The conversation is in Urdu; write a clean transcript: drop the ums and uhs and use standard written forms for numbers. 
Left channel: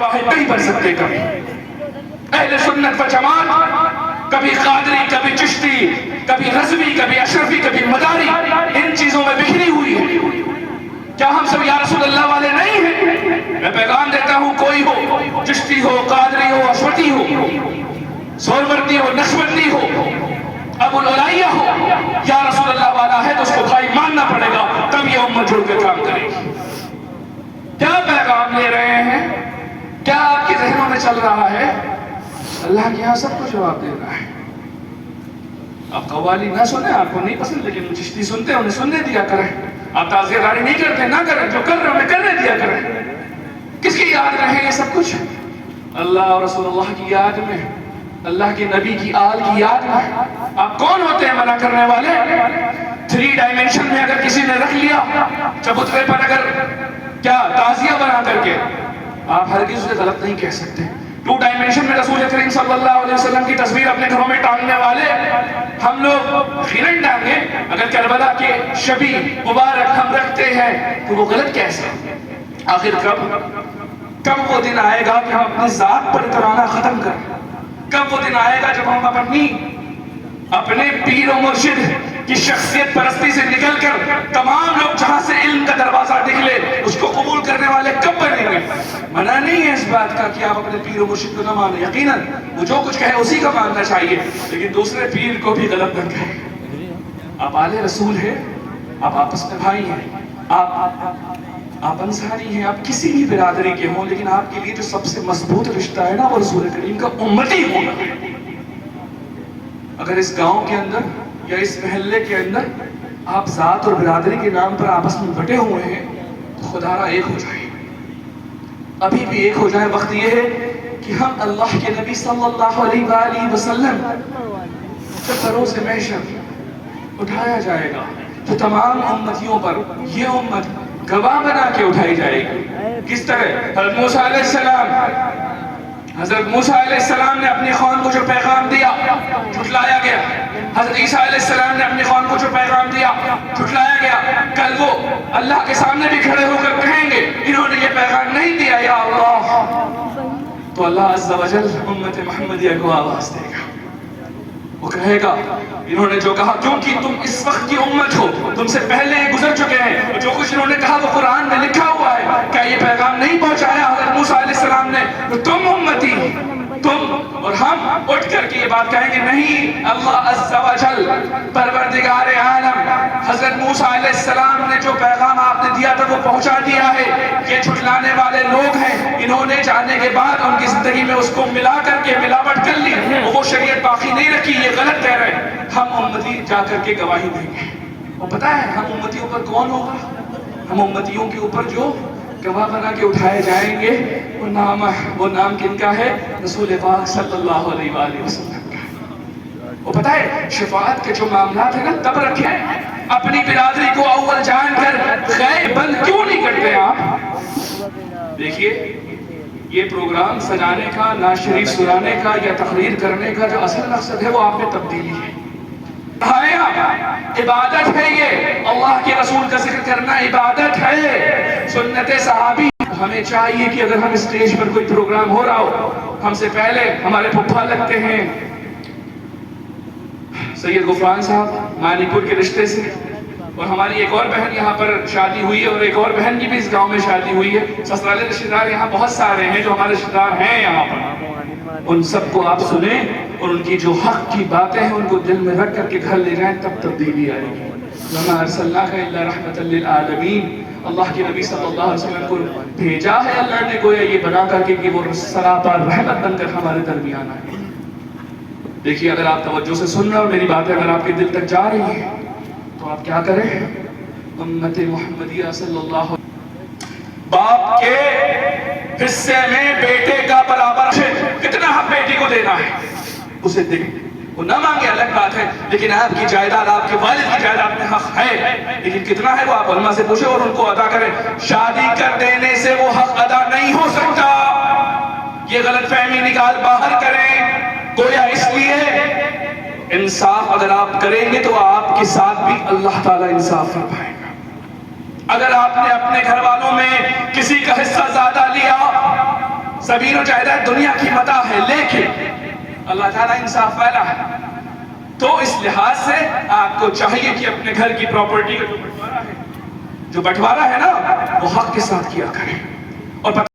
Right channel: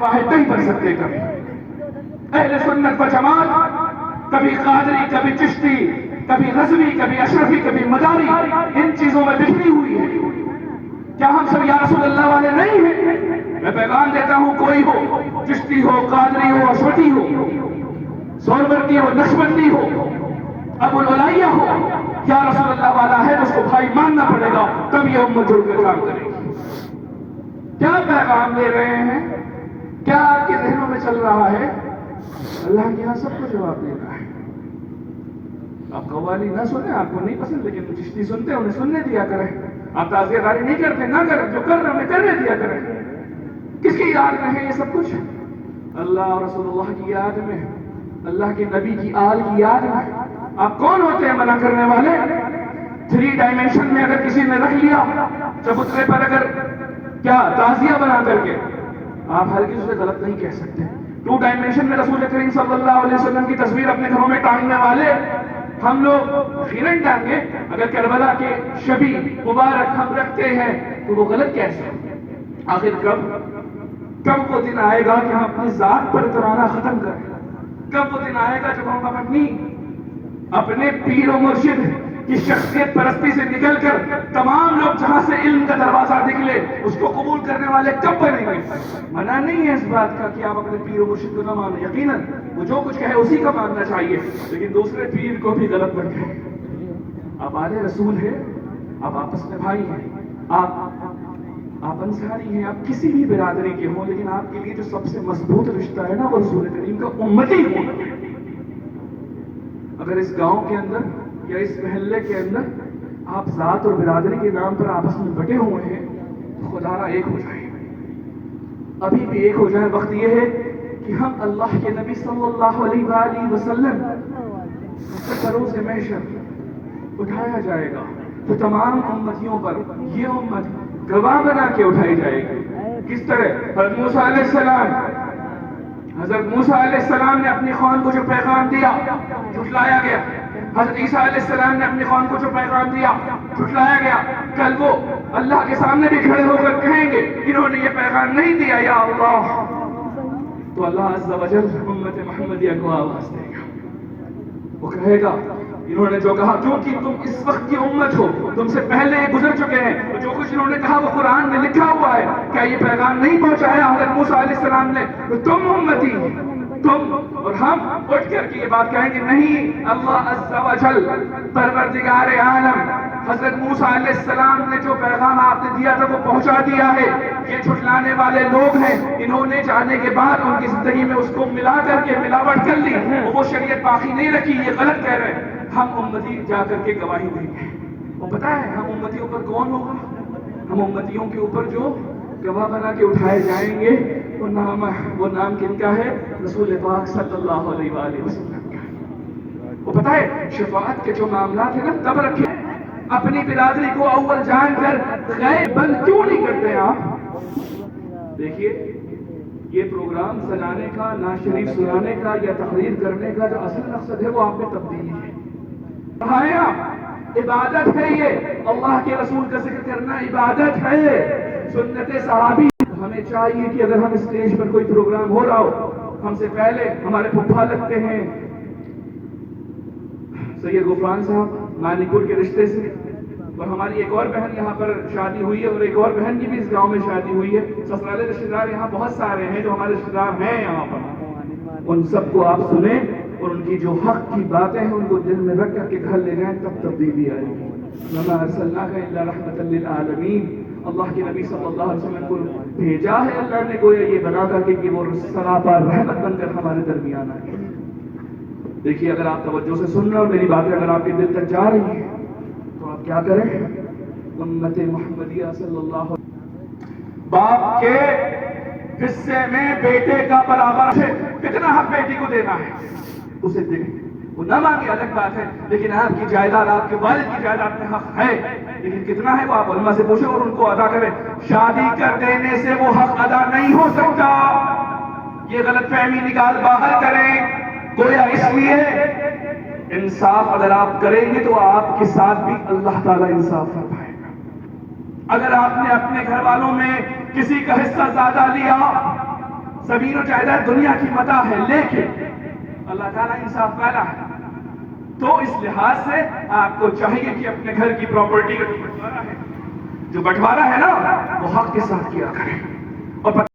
واحد نہیں بن سکتے کبھی. اہل سنت و جماعت کبھی قادری، کبھی چشتی، کبھی رضوی، کبھی اشرفی، کبھی مداری، ان چیزوں میں بکھری ہوئی ہے. کیا ہم سب یا رسول اللہ والے نہیں ہیں؟ میں پیغام دیتا ہوں، کوئی ہو، چشتی ہو، قادری ہو، اشرفی ہو، سہروردی ہو، نقشبندی ہو، ابو العلیہ ہو، یا رسول اللہ والا ہے تو اس کو بھائی ماننا پڑے گا، تب یہ امت جڑ کے کام کرے گی. کیا پیغام لے رہے ہیں؟ کیا آپ کے ذہنوں میں چل رہا ہے؟ اللہ کے یہاں سب کو جواب دینا ہے. آپ قوالی نہ سنیں، آپ کو نہیں پسند، لیکن چشتی سنتے ہیں، انہیں سننے دیا کریں. آپ تعزیہ داری نہیں کرتے، نہ کریں، جو کر رہے ہیں انہیں کرنے دیا کریں. کس کی یاد رہے یہ سب کچھ؟ اللہ اور رسول اللہ کی یاد میں، اللہ کے نبی کی آل کی یاد میں. آپ کون ہوتے ہیں منع کرنے والے؟ 3 ڈائمنشن میں اگر کسی نے رکھ لیا چبوترے پر، اگر کیا تعزیہ بنا کر کے، آپ ہرگز اسے غلط نہیں کہہ سکتے. 2 ڈائمنشن میں رسول کریم صلی اللہ علیہ وسلم کی تصویر اپنے گھروں میں ٹانگنے والے ہم لوگ غیرن ٹانگے، اگر کربلا کے شبی مبارک ہم رکھتے ہیں تو وہ غلط کیسے؟ آخر کب وہ دن آئے گا کہ ہم اپنی ذات پر ترانہ ختم کریں؟ کب وہ دن آئے گا جب ہم اپنے پیر و مرشد کی شخصیت پرستی سے نکل کر تمام لوگ جہاں سے علم کا دروازہ نکلے اس کو قبول کرنے والے کب بنیں گے؟ منع نہیں ہے اس بات کا کہ آپ اپنے پیر و مرشد کو نہ مانیں، یقیناً وہ جو کچھ کہے اسی کا ماننا چاہیے، لیکن دوسرے پیر کو بھی غلط نہ کہیں. آپ آل رسول ہیں، آپ آپس میں بھائی ہیں، آپ انصاری ہیں، آپ کسی بھی برادری کے ہوں، لیکن آپ کے لیے جو سب سے مضبوط رشتہ ہے نا وہ رسول کریم کا امتی ہونا ہے. اگر اس گاؤں کے اندر یا اس محلے کے اندر آپ ذات اور برادری کے نام پر آپس میں بٹے ہوئے ہیں تو خدا را ایک ہو جائے، ابھی بھی ایک ہو جائے. وقت یہ ہے کہ ہم اللہ کے نبی صلی اللہ علیہ وآلہ وسلم جو فروز محشر اٹھایا جائے گا، تو تمام امتیوں پر یہ امت گواہ بنا کے اٹھائی جائے گی. کس طرح؟ حضرت موسیٰ علیہ السلام نے اپنی قوم کو جو پیغام دیا جھٹلایا گیا. حضرت عیسیٰ علیہ السلام نے اپنی قوم کو جو پیغام دیا جھٹلایا گیا. کل وہ اللہ کے سامنے بھی کھڑے ہو کر کہیں گے انہوں نے یہ پیغام نہیں دیا یا اللہ، تو اللہ عز و جل امت محمدیہ کو آواز دے گا. وہ کہے گا انہوں نے جو کہا، کیونکہ تم اس وقت کی امت ہو، تم سے پہلے گزر چکے ہیں، جو کچھ انہوں نے کہا وہ قرآن میں لکھا ہوا ہے. کیا یہ پیغام نہیں پہنچایا حضرت موسیٰ علیہ السلام نے؟ تو تم امتی، تم اور ہم اٹھ کر کے یہ بات کہیں گے نہیں، اللہ عز و جل پروردگار عالم حضرت موسیٰ علیہ السلام نے جو پیغام آپ نے دیا تھا وہ پہنچا دیا ہے. یہ جھٹلانے والے لوگ ہیں، انہوں نے جانے کے بعد ان کی زندگی میں اس کو ملا کر کے ملاوٹ کر لی، وہ شریعت باقی نہیں رکھی، یہ غلط کہہ رہے ہیں. ہم امتی جا کر کے گواہی دیں گے. اور پتہ ہے ہم امتیوں پر کون ہوگا؟ ہم امتیوں کے اوپر جو گواہ بنا کے اٹھائے جائیں گے وہ نام کن کا ہے؟ رسول پاک صلی اللہ علیہ وآلہ وسلم کا. وہ پتہ ہے شفاعت کے جو معاملات ہیں نا تب رکھیں. اپنی برادری کو اول جان کر خیر بند کیوں نہیں کرتے آپ؟ دیکھیے یہ پروگرام سجانے کا، نعت شریف سنانے کا یا تقریر کرنے کا جو اصل مقصد ہے وہ آپ میں تبدیلی ہے. عبادت ہے، یہ اللہ کے رسول کا ذکر کرنا عبادت ہے، سنت صحابی. ہمیں چاہیے کہ اگر ہم اسٹیج پر کوئی پروگرام ہو رہا ہو، ہم سے پہلے ہمارے پھپھا لگتے ہیں سید غفران صاحب مانی پور کے رشتے سے، اور ہماری ایک اور بہن یہاں پر شادی ہوئی ہے، اور ایک اور بہن کی بھی اس گاؤں میں شادی ہوئی ہے. سسرالی رشتہ دار یہاں بہت سارے ہیں جو ہمارے رشتہ دار ہیں یہاں پر. ان سب کو آپ سنیں اور ان کی جو حق کی باتیں ہیں ان کو دل میں رکھ کر کے گھر لے جائیں، تب تبدیلی آئے گی. وَمَا أَرْسَلْنَاكَ إِلَّا رَحْمَةً لِلْعَالَمِينَ. اللہ کے نبی صلی اللہ علیہ وسلم کو بھیجا ہے اللہ نے گویا یہ بنا کر کے کہ وہ سراپا رحمت بن کر ہمارے درمیان آئے. دیکھیے اگر آپ توجہ سے سن رہے ہو میری باتیں، اگر آپ کے دل تک جا رہی ہیں تو آپ کیا کریں؟ امت محمدیہ صلی اللہ علیہ وسلم باپ کے حصے میں بیٹے کا برابر ہے. کتنا حق بیٹی کو دینا ہے اسے دے، وہ نہ مانگے الگ بات ہے، لیکن آپ کی جائیداد، آپ کے والد کی جائیداد میں حق ہے، لیکن کتنا ہے وہ آپ علماء سے پوچھیں اور ان کو ادا کریں. شادی کر دینے سے وہ حق ادا نہیں ہو سکتا. یہ غلط فہمی نکال باہر کریں. گویا اس لیے انصاف اگر آپ کریں گے تو آپ کے ساتھ بھی اللہ تعالیٰ انصاف فرمائے گا. اگر آپ نے اپنے گھر والوں میں کسی کا حصہ زیادہ لیا زمین و جائیداد دنیا کی متاع ہے، لیکن اللہ تعالیٰ انصاف والا ہے، تو اس لحاظ سے آپ کو چاہیے کہ اپنے گھر کی پراپرٹی کا جو بٹوارا ہے نا، وہ حق کے ساتھ کیا کریں۔ اور